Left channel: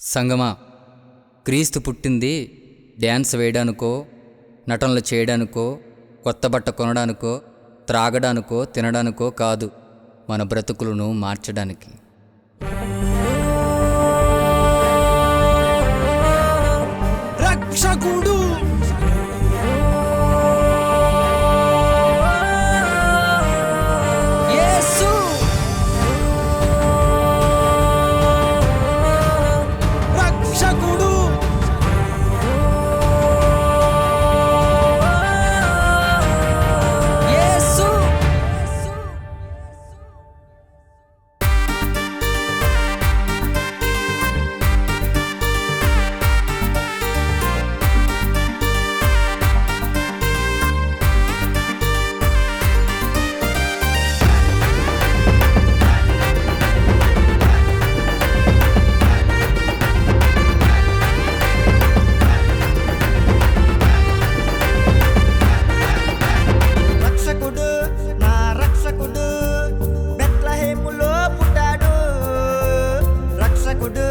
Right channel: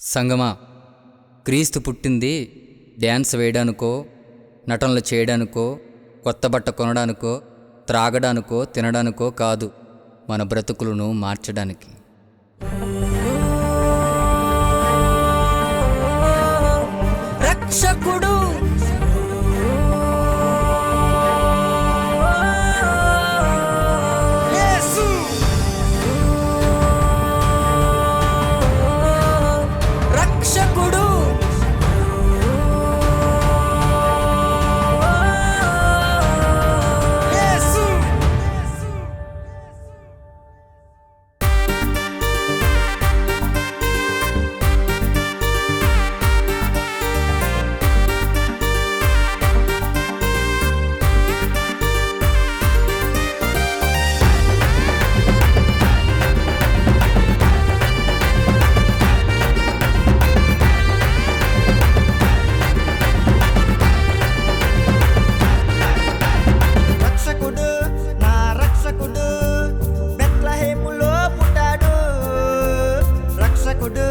సంగమా క్రీస్తు పుట్టింది డ్యాన్స్ వేయడానికో నటనలు చేయడానికో కొత్త బట్ట కొనడానికో త్రాగడానికో తినడానికో కాదు మన బ్రతుకులను మార్చడానికి. రక్షకుడు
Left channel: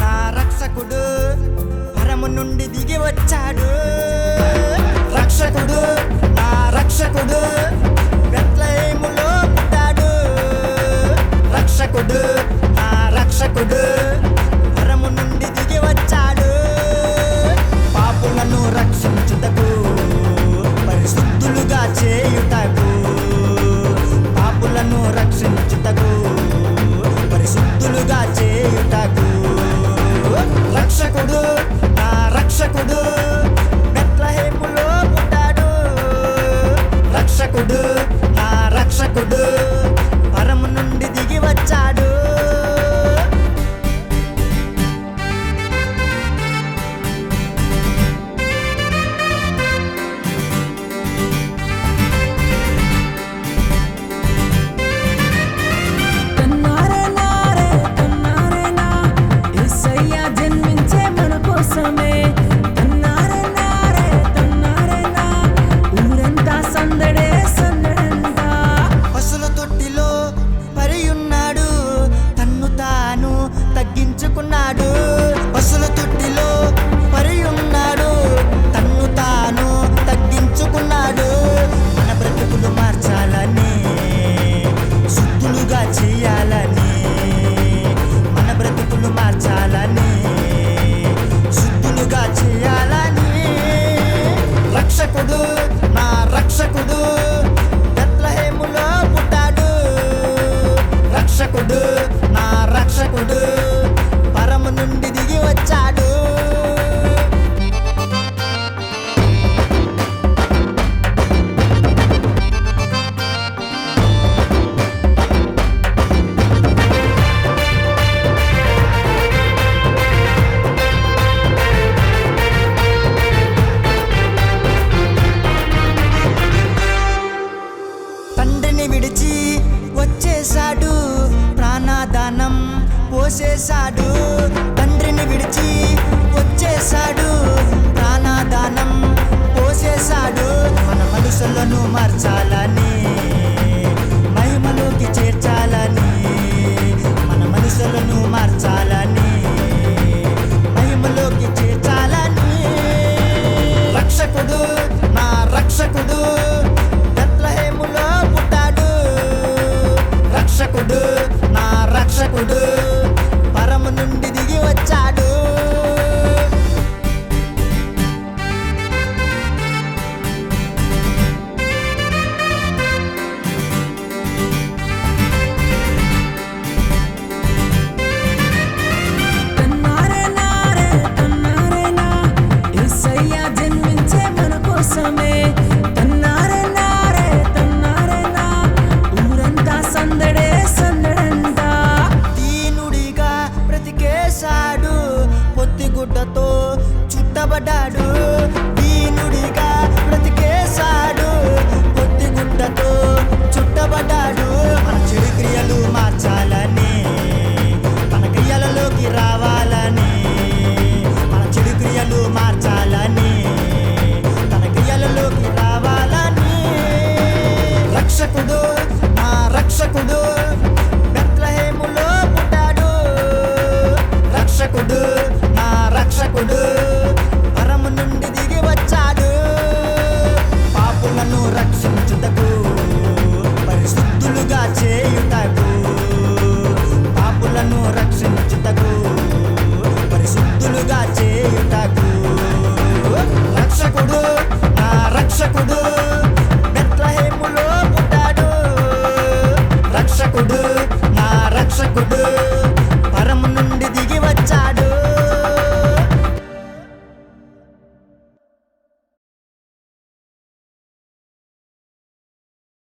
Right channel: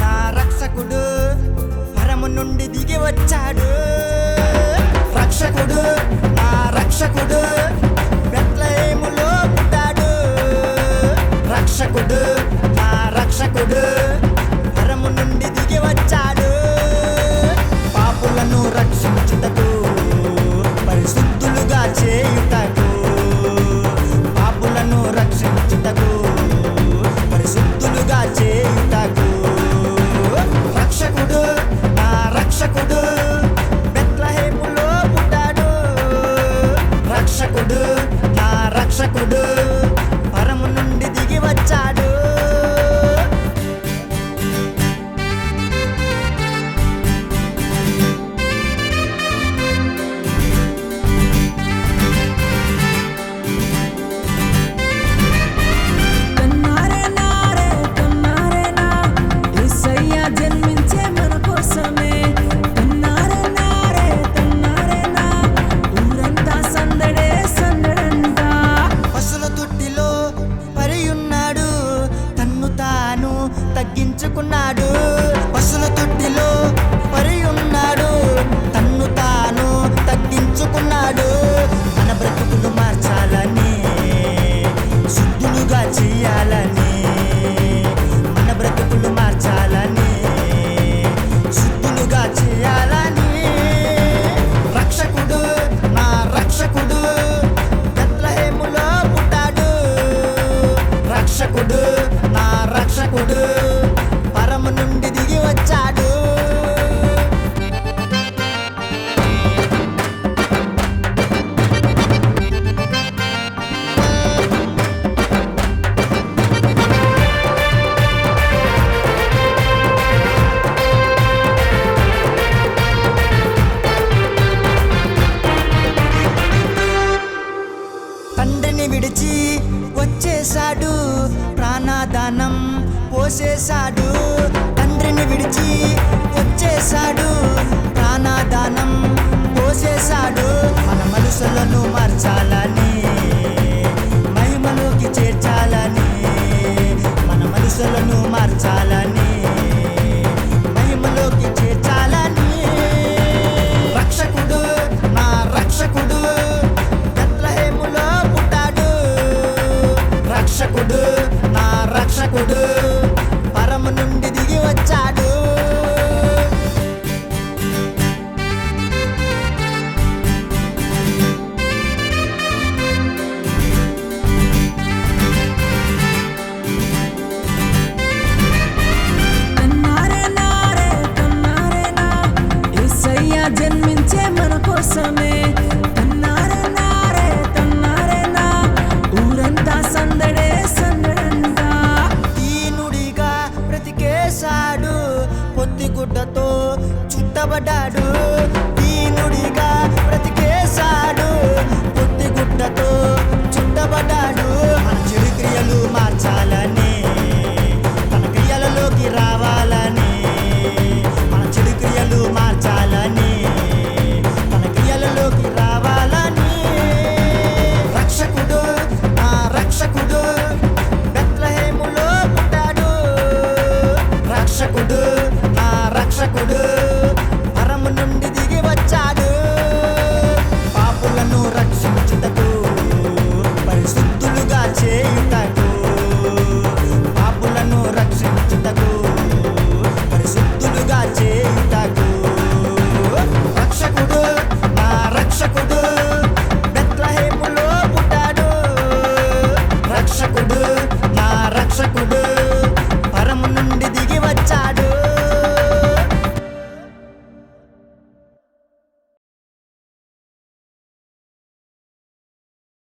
నా రక్షకుడు పరము నుండి దిగి వచ్చాడు. రక్షకుడు నా రక్షకుడు బెత్లహేములో పుట్టాడు. రక్షకుడు నా రక్షకుడు పరము నుండి దిగి వచ్చాడు. పాపులను రక్షించుటకు పరిశుద్ధులుగా చేయుటకు పాపులను రక్షించుటకు శుద్ధులుగా చేయుటకు. రక్షకుడు నా రక్షకుడు బెత్లహేములో పుట్టాడు. రక్షకుడు నా రక్షకుడు పరము నుండి దిగి వచ్చాడు. కోసమే. కన్నారే నారే ఊరంతా సందడే సందడంట పశుల తొట్టిలో పరియున్నాడు. తన్ను తాను తగ్గించుకున్నాడు. పశుల తొట్టిలో పరియున్నాడు. తన్ను తాను తగ్గించుకున్నాడు. మన బ్రతుకులు మార్చాలని శుద్ధులుగా చేయాలని మన బ్రతుకులు మార్చాలని. శుద్ధులుగా చేయాలని రక్షకుడు నా రక్షకుడు బెత్లహేములో పుట్టాడు. రక్షకుడు నా రక్షకుడు పరము నుండి దిగి వచ్చాడు. తండ్రిని విడిచి వచ్చేశాడు. ప్రాణాదానం పోసేశాడు. తండ్రిని విడిచి వచ్చేశాడు. ప్రాణాదానం పోసేశాడు. మన మనసులను మార్చాలని మహిమలోకి చేర్చాలని మన మనసులను మార్చాలని మహిమలోకి చేర్చాలని. రక్షకుడు నా రక్షకుడు రక్షకుడు నా రక్షకుడు పరము నుండి దిగి వచ్చాడు. జన్మించే మన కోసమే. కన్నారే సందడే సందడంట. దీనుడిగా బ్రతికేశాడు పొత్తిగుడ్డతో చుట్టబడ్డాడు. దీనుడిగా బ్రతికేశాడు పొత్తిగుడ్డతో చుట్టబడ్డాడు. మన చెడు క్రియలు మార్చాలని తన క్రియలలోకి రావాలని మన చెడు క్రియలు మార్చాలని తన క్రియలలోకి రావాలని. రక్షకుడు రక్షకుడు బెత్లహేములో పుట్టాడు. రక్షకుడు నా రక్షకుడు పరము నుండి దిగి వచ్చాడు. పాపులను రక్షించుటకు పరిశుద్ధులుగా చేయుటకు పాపులను రక్షించుటకు పరిశుద్ధులుగా చేయుటకు. రక్షకుడు నా రక్షకుడు బెత్లహేములో రక్షకుడు నా రక్షకుడు. పరము నుండి దిగి వచ్చాడు.